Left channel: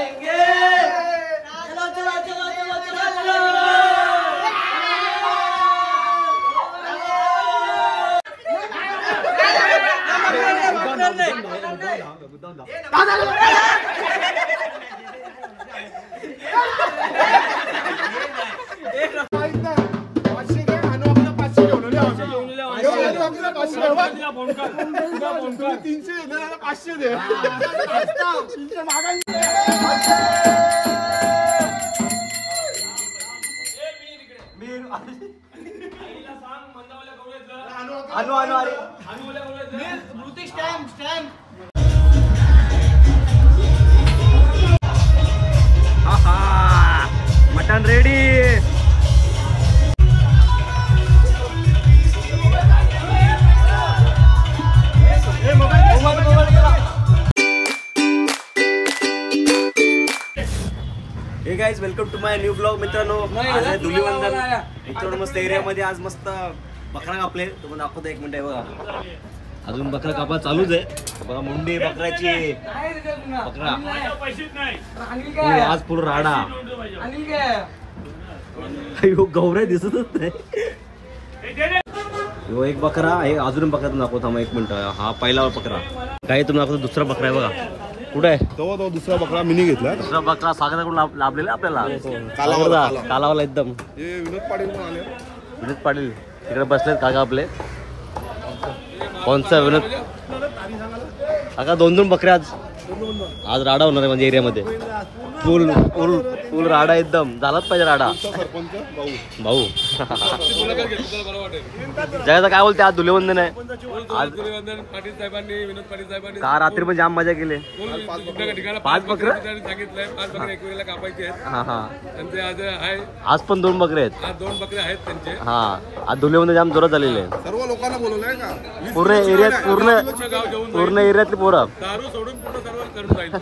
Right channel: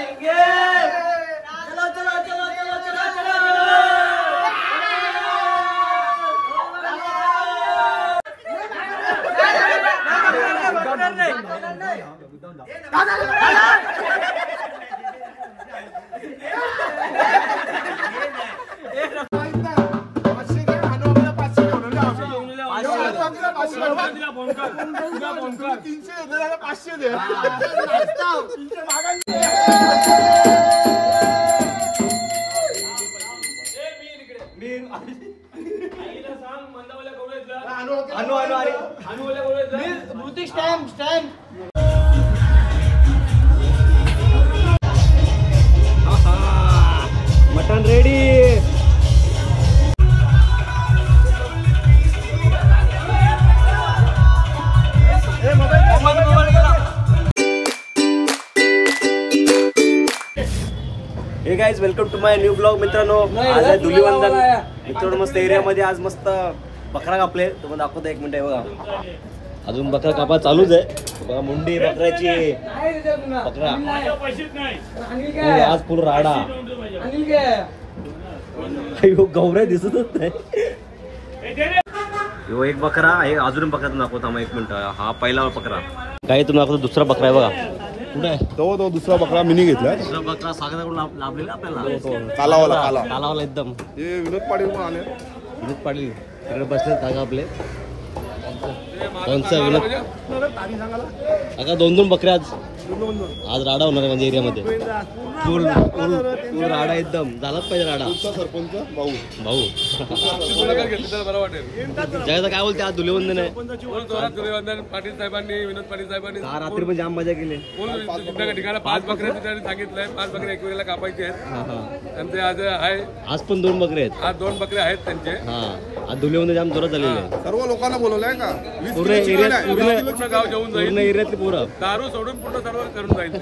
आएंगे। चलो चलो चलो चलो चलो mutton ready. Hey guys welcome to my new blog. मित्रांनो आज आहे धुलीवंदन। मित्रांनो मस्त एरियामध्ये आज मस्त बकरा कापले, तुम्हाला दाखवतो 1 मिनिट आहे बघा। अजून बकरा कापा चालूच आहे बघा। मुंडी बकऱ्याची बकरा आज पूर्ण राडा। गौऱ्या दिसतच नाही। यो एक बकरा आहे, अजून बकरा दाखवतो थांबा 1 मिनिट। हा पहिला बकरा काही तुम्ही दाखवतो, दुसरा बकरा आहे बघा। कुठे आहे तो दुसरा बकरा मिनी घेतला। दुसरा बकरा सागराकडून लाभलेला आपल्याला कालावाला एकदम। विनोद पाटील पण आले। विनोद पाटील तिकडे बसले काका आपले। कोणचा विनोद काका? 2-2 बकऱ्या आज राडा होणार आहे म्हणजे एरियामध्ये। फुल राडा एकदम झालाच पाहिजे राडा। भाऊ जगाचा काय बोलते? आज धुलीवंदन आहे। पाटील साहेबांनी विनोद पाटील साहेबांनी का रात्री पण जाम मजा केली। 5 बकरे सांगितलंय, 5 बकरे एकमेकाला कापायचे आहेत। त्यांचे आज आहे, आज पण 2 बकरे आहेत। आज 2 बकरे आहेत त्यांचे। आज धुलीवंदन जाम जोरात झालेले आहे। सर्व लोकांना बोलवलंय का? पूर्ण एरियात पूर्ण एरियातली पोरं दारू सोडून पूर्ण सर्व करून जाईल।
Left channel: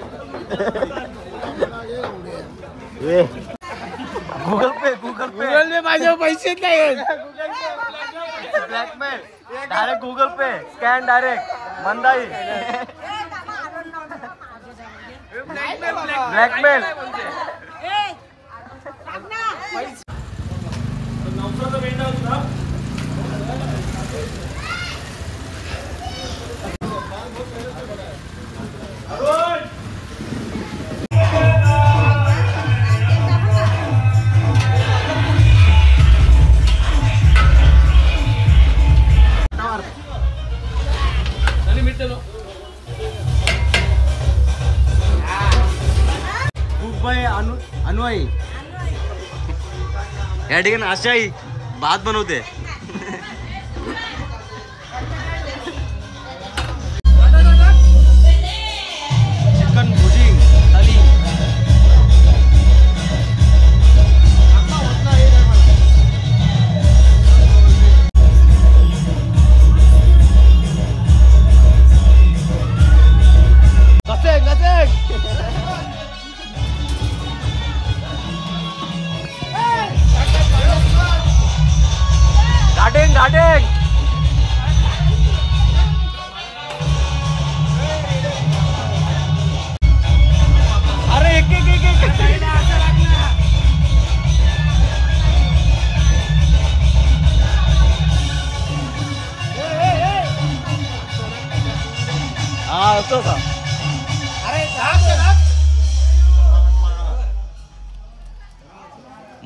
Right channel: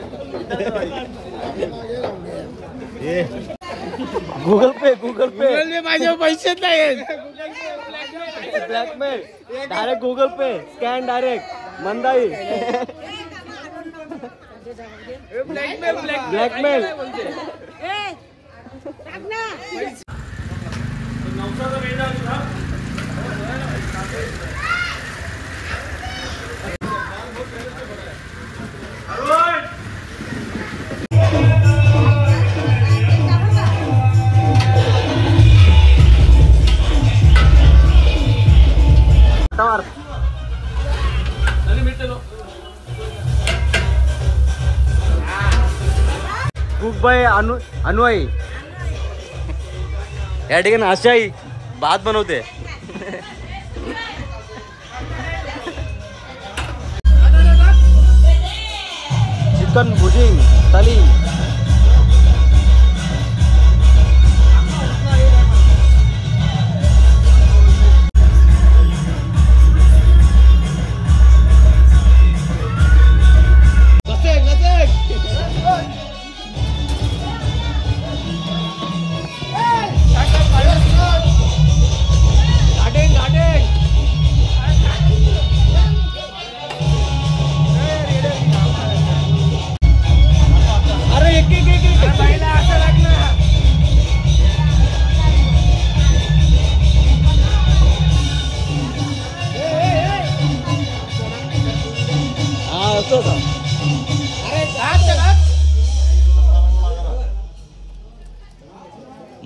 गूगल पे माझे पैसे नाही। ब्लॅकमेल डायरेक्ट गूगल पे स्कॅन डायरेक्ट मंदाई। ब्लॅकमेल अनुयायी या ठिकाणी आशाई भात बनवते। चिकन भुजिंग थाली।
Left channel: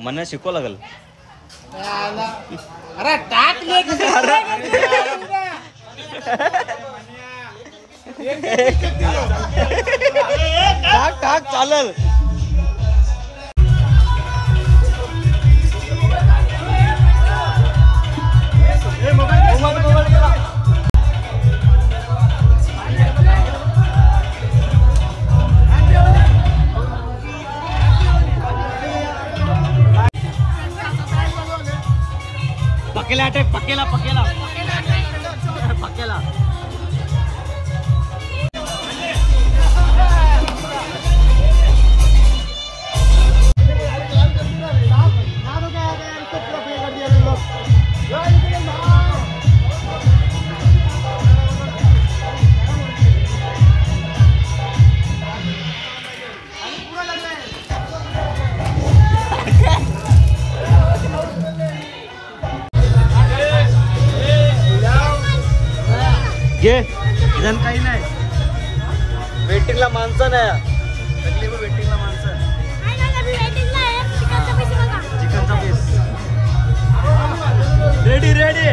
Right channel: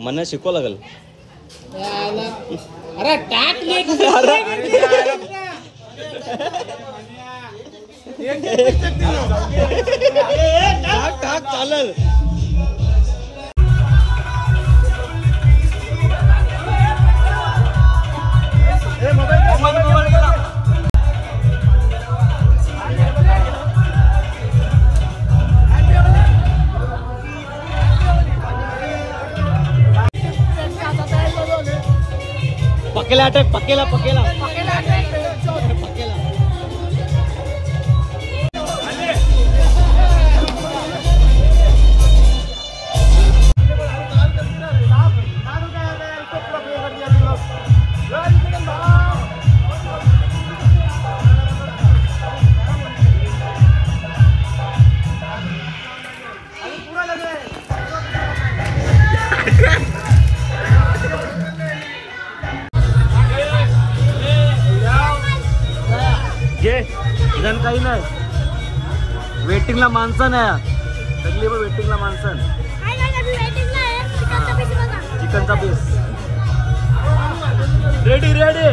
मला शिकवा लागल। अरे टाक टाक चालल। पकेला अटॅक पकेला पकेला पकेला वेटिंगला माणसं आहे, वेटिंगला माणसं. चिकनचा पीस रेडी रेडी.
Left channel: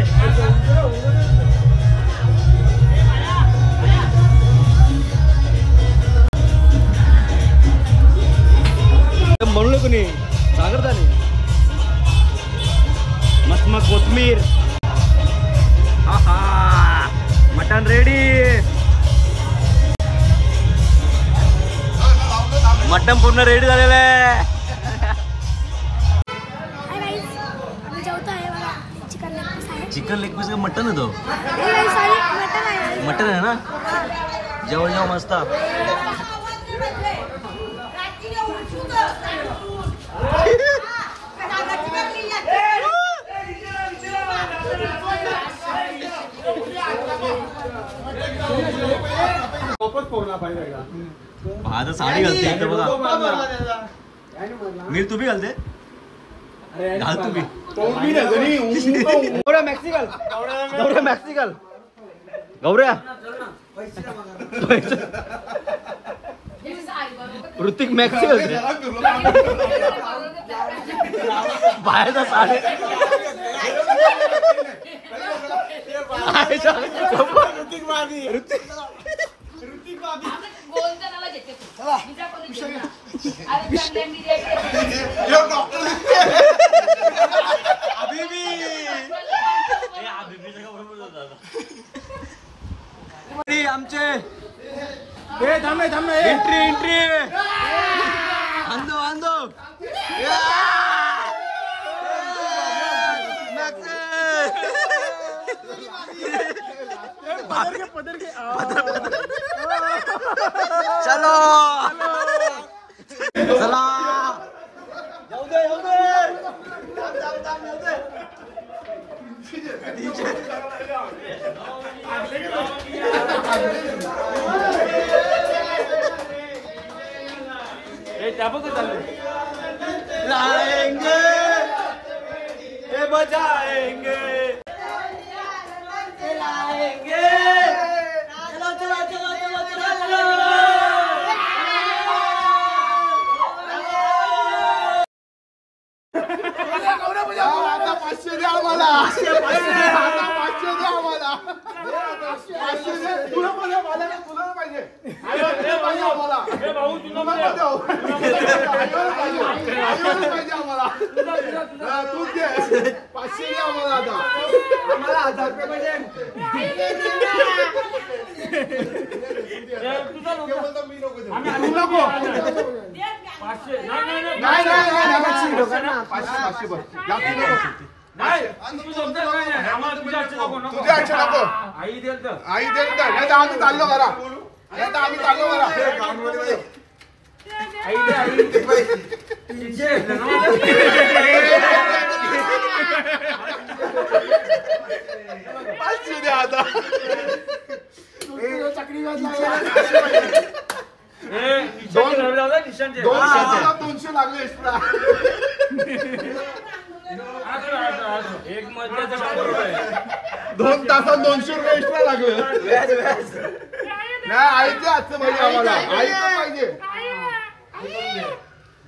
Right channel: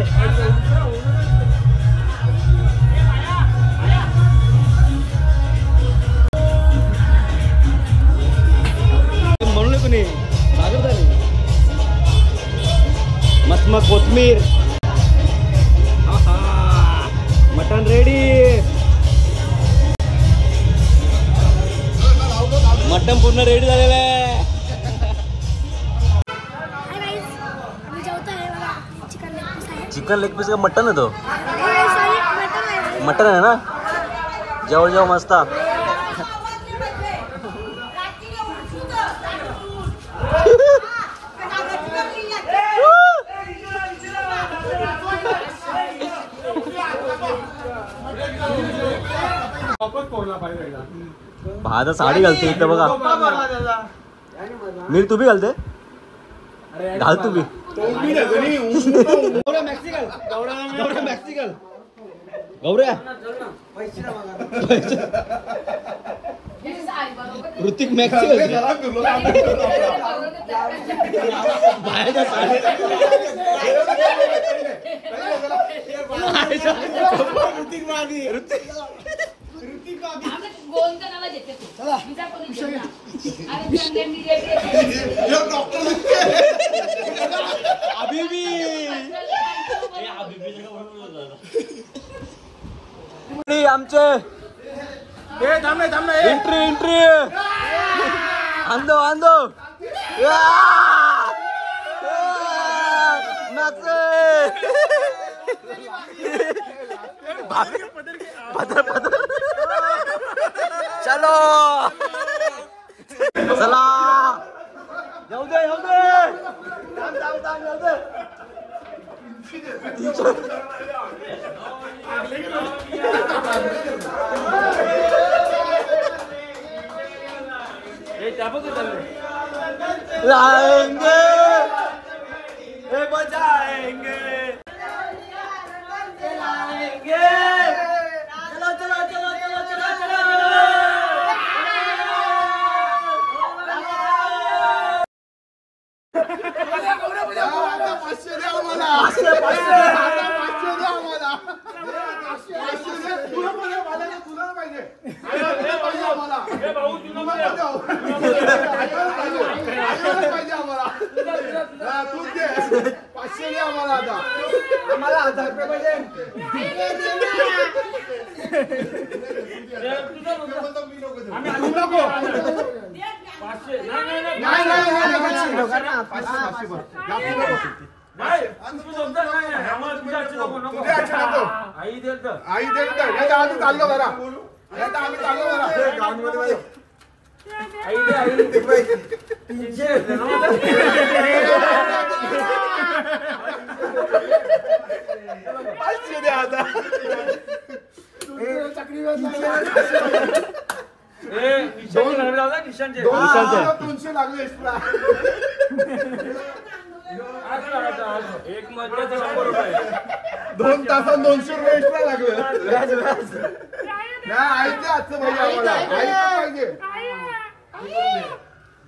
म्हणलं कोणी सागरता नाही. मस्त मग कोथमीर. Mutton ready. मटन पूर्ण रेडी झालेलं आहे. चिकन लेग पीस का मटन आहे तो. मटन आहे ना. जेवण जेवण मस्त. भात साडी घालते इथं बघा. मीर तू बी घालते. घाल तू बी. मॅक्सिकल गौऱ्या ऋतिक मॅक्सिकल बाहेरचा साडी. आमचे एंट्री एंट्री आंदो आंदो. चलो चला. लाएंगे बजाएंगे लाएंगे. चलो चलो चलो चलो चलो. पाचशे द्या आम्हाला. पाचशे द्या आम्हाला. तुला पाहिजे. भाऊ तुला पाहिजे आम्हाला. तू दे 500 द्या आम्हाला. आता आम्हाला 1000 रुपये पाहिजे. आई देत आम्ही चाललो जरा. आम्ही चाललो जरा. पाचशे द्या आता. चक्री 200 लागले एक्स्ट्रा. एक मध्याचा 100 रुपये. 2 तासात 200 रुपये एक्स्ट्रा लागले. नाही आईचे आजचं पाहिजे आम्हाला. आईचं पाहिजे.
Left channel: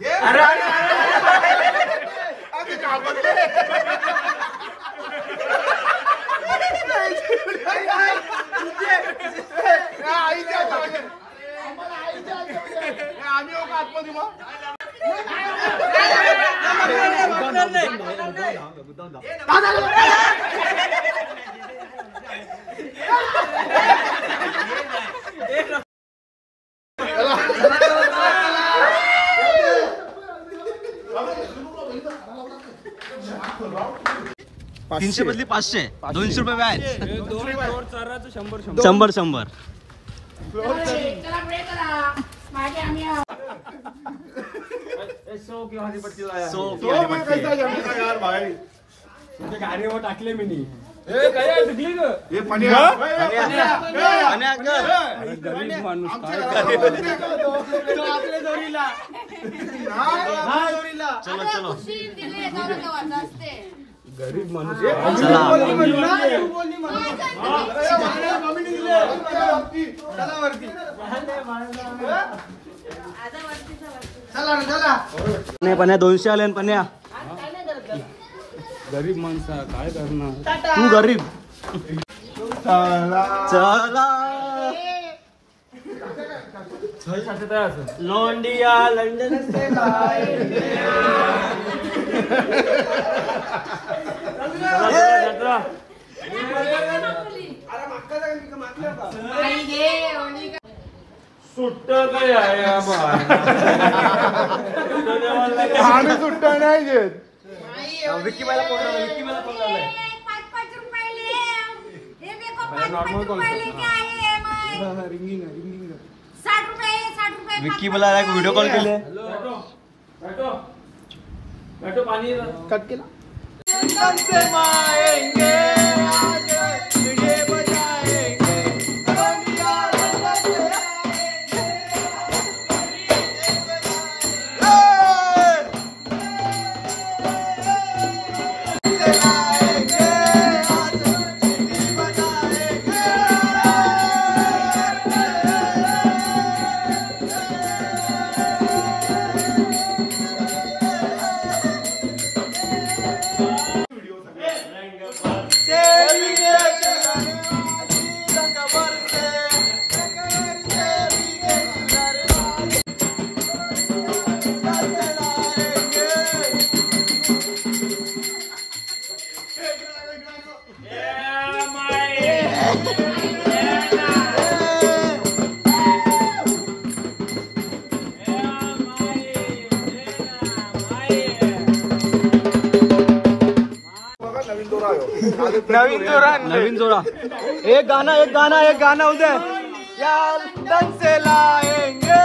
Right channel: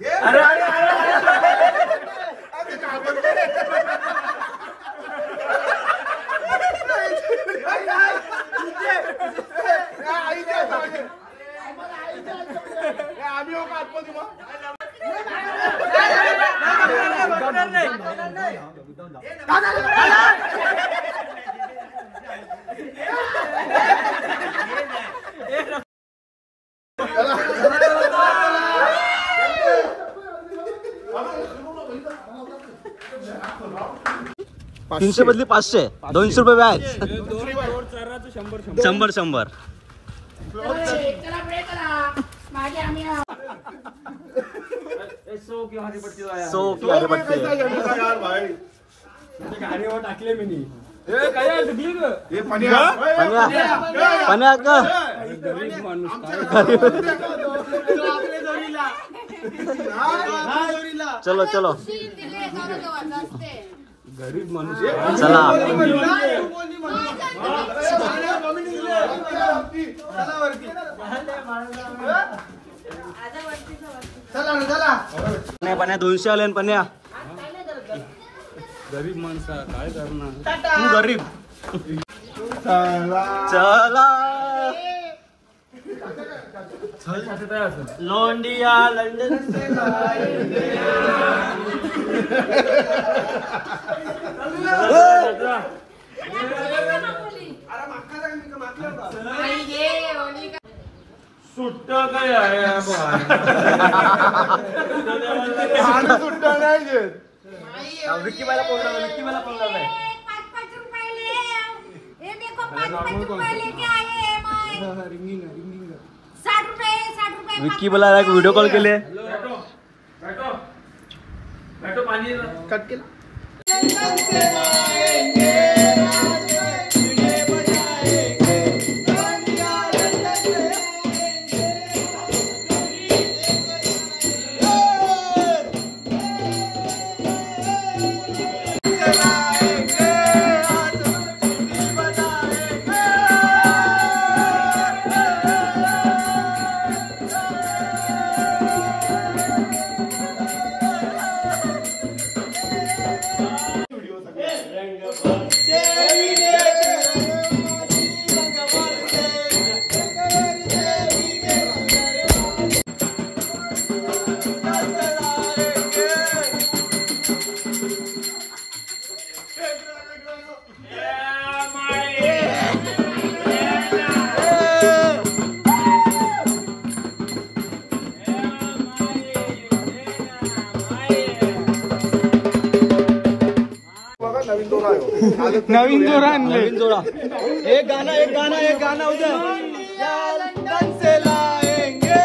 अरे आम्ही हो का आतमध्ये मग. तीनशे बदली 500. 200 रुपये व्याज. 100. टाकले मी गरीब माणूस चलो चलो. चला पण्या 200 आले पण्या. गरीब माणसा काय करणार. तू गरीब. चला लोंडिया लंडन से लाएंगे. सुट्ट गया सुट्ट नाही घेत. विक्की बायला फोन लावला. विक्की बायला फोन लावला. 5 रुपये ले. ये देखो 5 रुपये लेके आए हैं. रिंगिंग 60 रुपये. विक्की बायला एक व्हिडिओ कॉल केले. बैठो पाणी कट केला. नवीन जोरा. एक गाना उदय. या लंदन से लाएंगे.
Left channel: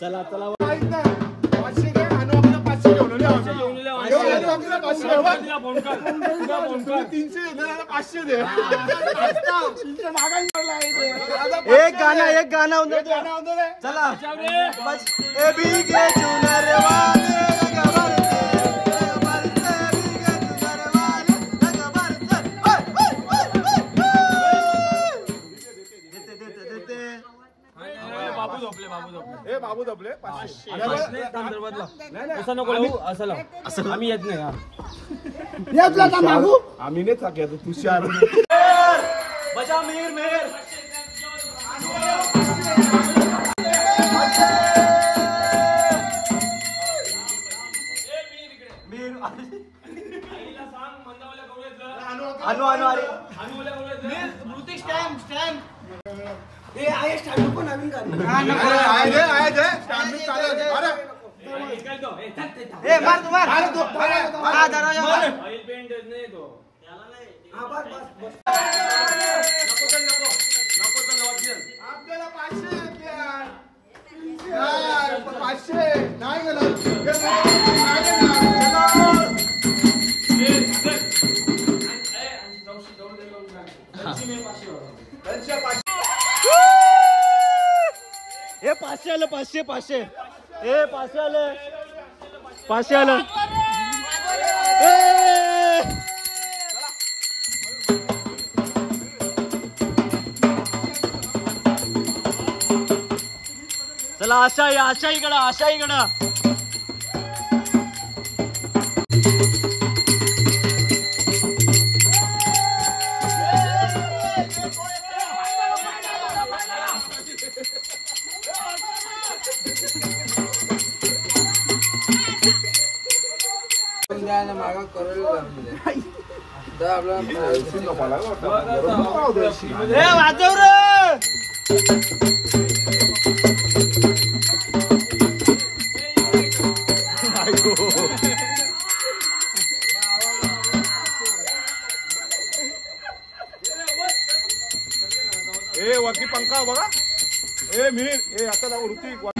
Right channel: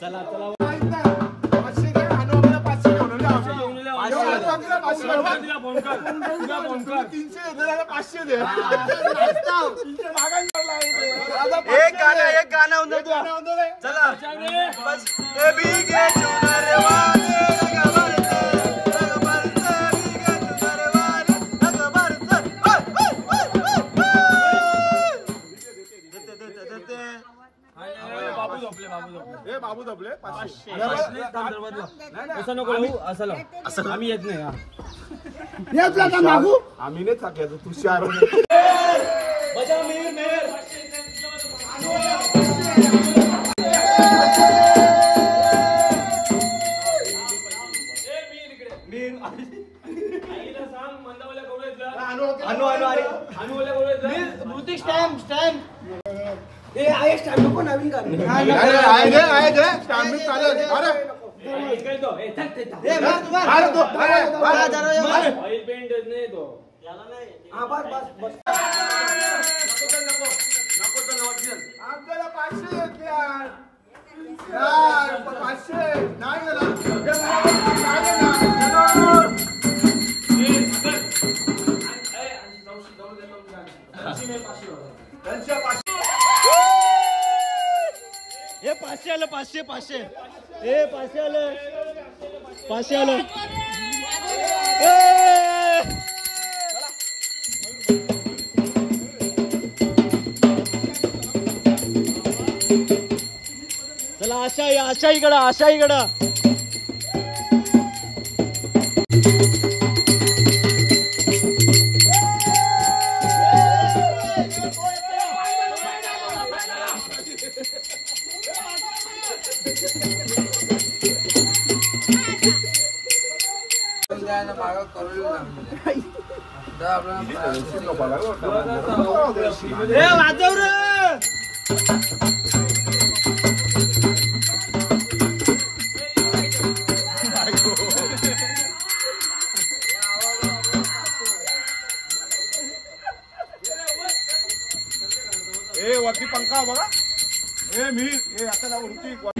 चला चला एक गाना उदय. चला बस. ए भीगे चुनर वाले रंग भरते, रंग भरते, भीगे चुनर वाले रंग भरते. देते. बाबू झोपले. असं नको लावू. असं लाव. असं आम्ही येत नाही. आम्ही नाही थकले. तू चार बजा मीर मेर. नवीन ऑइल पेंट नाही तो. आपल्याला 500 यार 500 नाही. हे 500 आलं. 500. हे 500 आलं. 500 आलं. चला आशाईकडं. वाजव वरती पंखा बघा. मी आता ऋतिक